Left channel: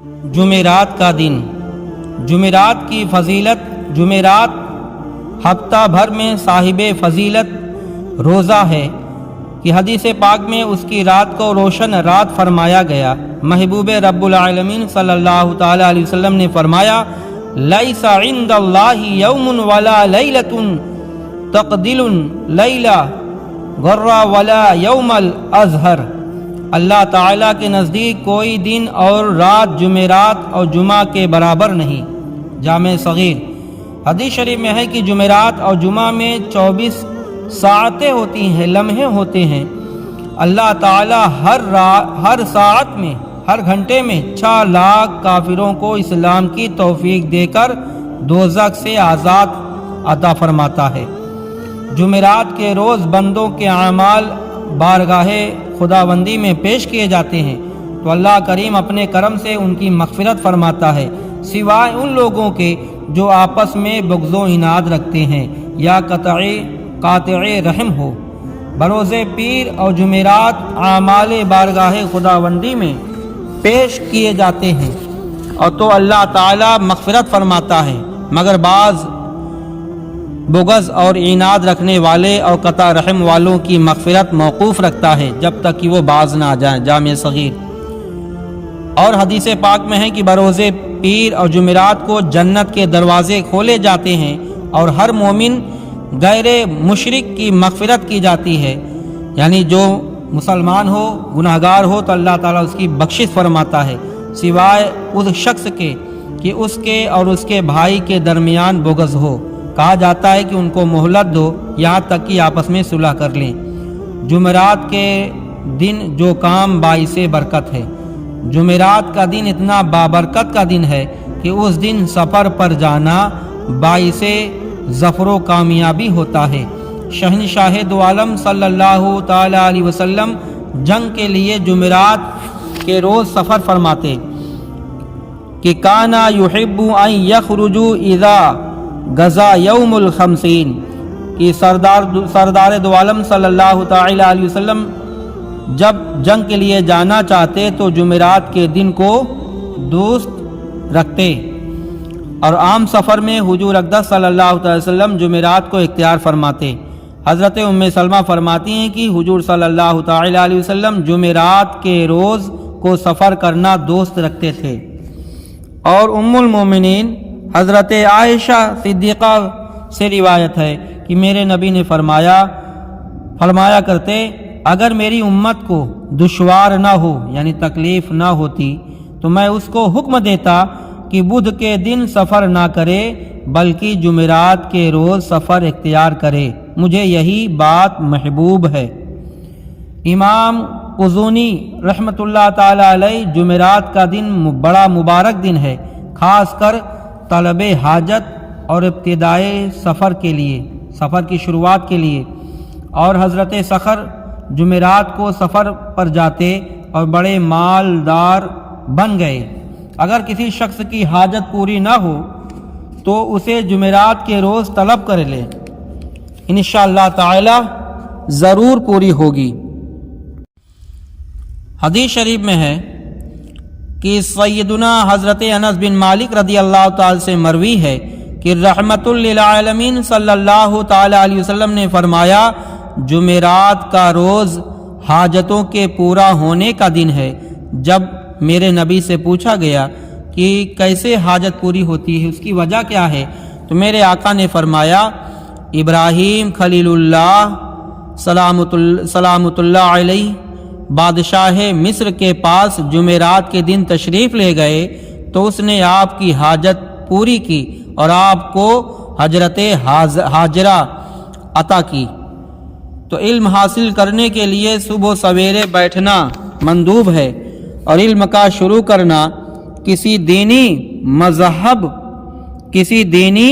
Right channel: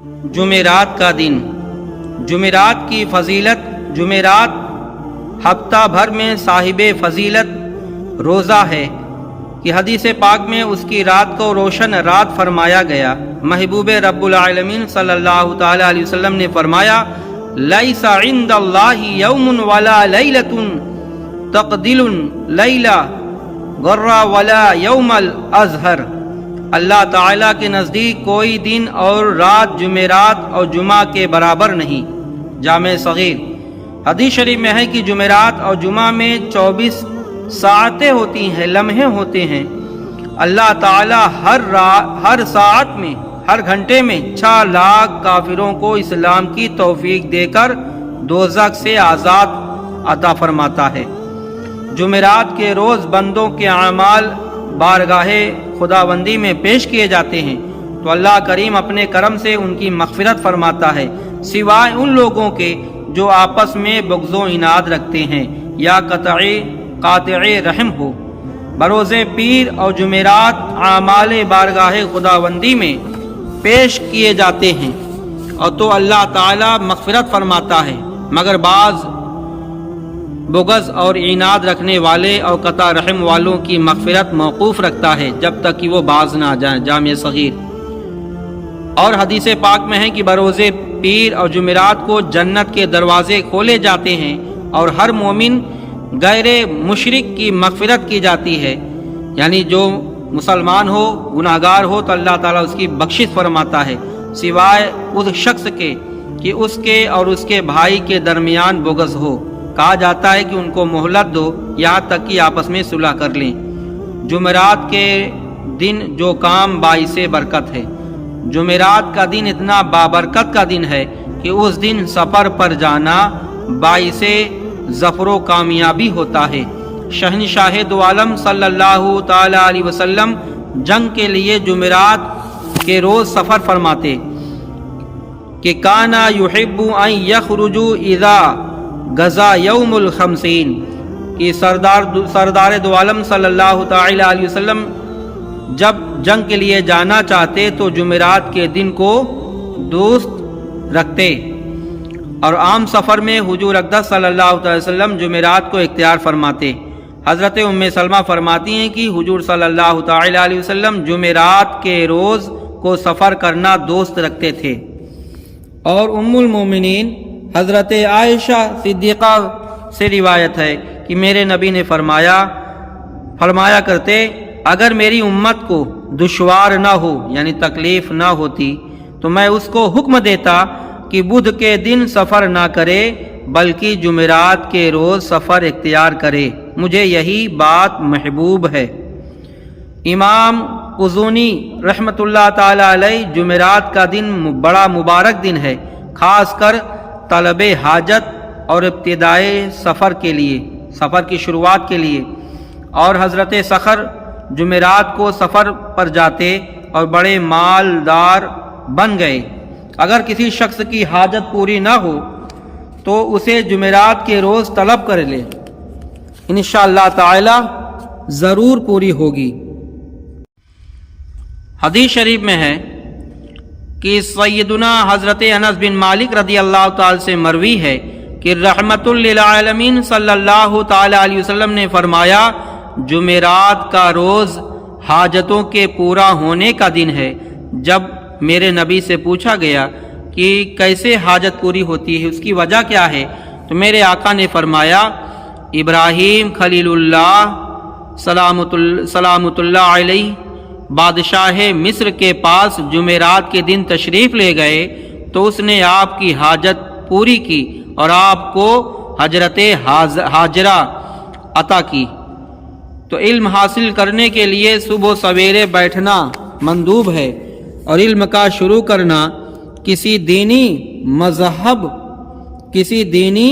جمعرات کا دن۔ جمعرات کی فضیلت۔ جمعرات ہفتہ بھر میں صاحب فضیلت روزہ ہے کہ حدیث پاک میں اس کی رات کو روشن رات فرمایا گیا۔ محبوب رب العالمین صلی اللہ تعالی علیہ وسلم نے فرمایا، لیس عند اللہ یوم ولا لیلۃ تقدل لیلہ غر ولا یوم الازہر۔ اللہ تعالیٰ کے نزدیک کوئی دن اور رات جمعرات اور جمعہ کے برابر نہیں۔ جامع صغیر۔ حدیث شریف میں ہے کہ جمعرات اور جمعہ میں 24 ساعتیں ہوتی ہیں، لمحے ہوتے ہیں۔ اللہ تعالیٰ ہر ساعت میں، ہر گھنٹے میں 6 لاکھ کافروں کو اسلام کی توفیق دے کر دوزخ سے آزاد عطا فرماتا ہے۔ جمعرات کے روز بندوں کے اعمال بارگاہ خداوندی میں پیش کیے جاتے ہیں تو اللہ کریم اپنے کرم سے ان کی مغفرت فرماتا ہے، سوائے ان لوگوں کے جو آپس میں بغض و عناد رکھتے ہیں یا قاطع رحم ہو۔ بروز پیر اور جمعرات اعمال بارگاہ خداوندی میں پیش کیے جاتے ہیں اور تو اللہ تعالی مغفرت فرماتا ہے، مگر بعض بغض اور عناد رکھنے والے اور قطع رحم والوں کی مغفرت موقوف رکھتا ہے جب تک کہ وہ باز نہ آ جائیں۔ جامع صغیر۔ اور حدیث پاک میں ہے کہ بروز پیر اور جمعرات کو جنت کے دروازے کھولے جاتے ہیں اور ہر مومن غیر مشرک کی مغفرت کی جاتی ہے، یعنی جو مسلمان ہو، گناہگار ہو تو اللہ تعالیٰ اس کی بخشش فرماتا ہے، سوائے اس شخص کے کہ اس کے اور اس کے بھائی کے درمیان بغض ہو۔ کہا جاتا ہے کہ ان کو مہلت دو یہاں تک کہ آپس میں صلح کر لیں۔ جمعرات کے دن جو کام باعث برکت ہے۔ جمعرات کا دن اتنا بابرکت کا دن ہے کہ اس دن سفر پر جانا باعث ظفر و کامیابی ہوتا ہے۔ شہنشاہ دو عالم صلی اللہ تعالی علیہ وسلم جنگ کے لیے جمعرات کے روز سفر فرماتے کہ کانا یحب ان یخرجوا اذا غزا یوم الخمسین، کہ سردار دو عالم صلی اللہ تعالی علیہ وسلم جب جنگ کے لیے جانا چاہتے تو جمعرات کے دن کو دوست رکھتے، اور عام سفر میں حضور اقدس صلی اللہ علیہ وسلم جمعرات کو اختیار فرماتے۔ حضرت ام سلمہ فرماتی ہیں کہ حضور صلی اللہ تعالی علیہ وسلم جمعرات کے روز کو سفر کرنا دوست رکھتے تھے۔ اور ام المومنین حضرت عائشہ صدیقہ سے روایت ہے کہ میرے نبی نے فرمایا کرتے، اگر میری امت کو دشوار نہ ہو یعنی تکلیف نہ ہوتی تو میں اس کو حکم دیتا کہ بدھ کے دن سفر نہ کرے بلکہ جمعرات کے روز سفر اختیار کرے، مجھے یہی بات محبوب ہے۔ امام قزونی رحمۃ اللہ تعالی علیہ جمعرات کا دن بڑا مبارک دن ہے، خاص کر طلب حاجت اور ابتدائے سفر کے لیے، سفر کی شروعات کے لیے۔ اور حضرت صخر جمعرات کو سفر پر جاتے اور بڑے مالدار بن گئے۔ اگر کسی شخص کی حاجت پوری نہ ہو تو اسے جمعرات کے روز طلب کر لے، انشاءاللہ تعالی ضرور پوری ہوگی۔ حدیث شریف میں ہے کہ سیدنا حضرت انس بن مالک رضی اللہ تعالی سے مروی ہے کہ رحمت للعالمین صلی اللہ تعالی علیہ وسلم نے فرمایا، جمعرات کا روز حاجتوں کے پورا ہونے کا دن ہے۔ جب میرے نبی سے پوچھا گیا کہ کیسے حاجت پوری ہوتی ہے، اس کی وجہ کیا ہے، تو میرے آقا نے فرمایا، ابراہیم خلیل اللہ سلامت اللہ علیہ بادشاہ مصر کے پاس جمعرات کے دن تشریف لے گئے تو اس نے آپ کی حاجت پوری کی اور آپ کو حجرت حاجرہ عطا کی۔ تو علم حاصل کرنے کے لیے صبح سویرے بیٹھنا مندوب ہے، اور علم کا شروع کرنا کسی دینی مذہب، کسی دینی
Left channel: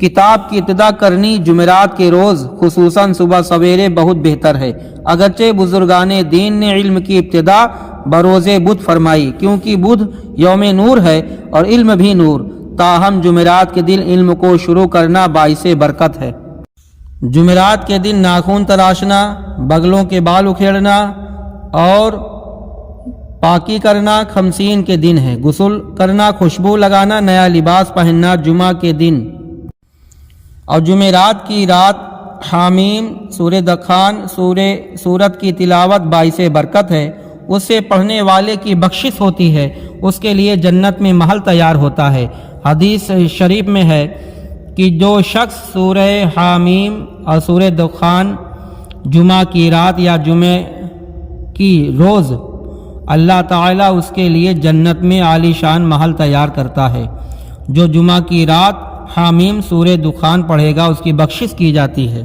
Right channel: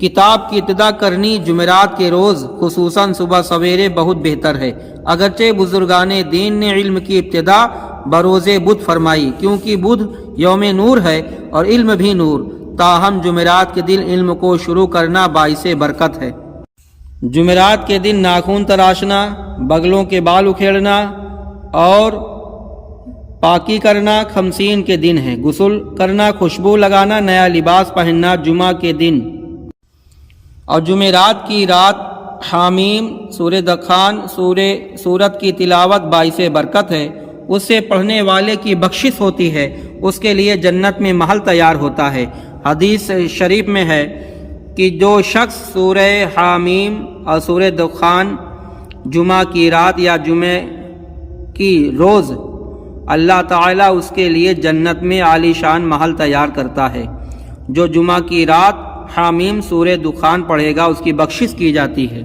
کتاب کی ابتدا کرنی جمعرات کے روز خصوصاً صبح سویرے بہت بہتر ہے۔ اگرچہ بزرگان دین نے علم کی ابتدا بروز بدھ فرمائی کیونکہ بدھ یوم نور ہے اور علم بھی نور، تاہم جمعرات کے دن علم کو شروع کرنا باعث برکت ہے۔ جمعرات کے دن ناخن تراشنا، بغلوں کے بال اکھیڑنا اور پاکی کرنا خمسین کے دن ہے، غسل کرنا، خوشبو لگانا، نیا لباس پہننا جمعہ کے دن، اور جمعرات کی رات حامیم سورہ دخان سورت کی تلاوت باعث برکت ہے، اس سے پڑھنے والے کی بخشش ہوتی ہے، اس کے لیے جنت میں محل تیار ہوتا ہے۔ حدیث شریف میں ہے کہ جو شخص سورہ حامیم اور سورہ دخان جمعہ کی رات یا جمعہ کی روز، اللہ تعالیٰ اس کے لیے جنت میں عالی شان محل تیار کرتا ہے۔ جو جمعہ کی رات حامیم سورہ دخان پڑھے گا اس کی بخشش کی جاتی ہے۔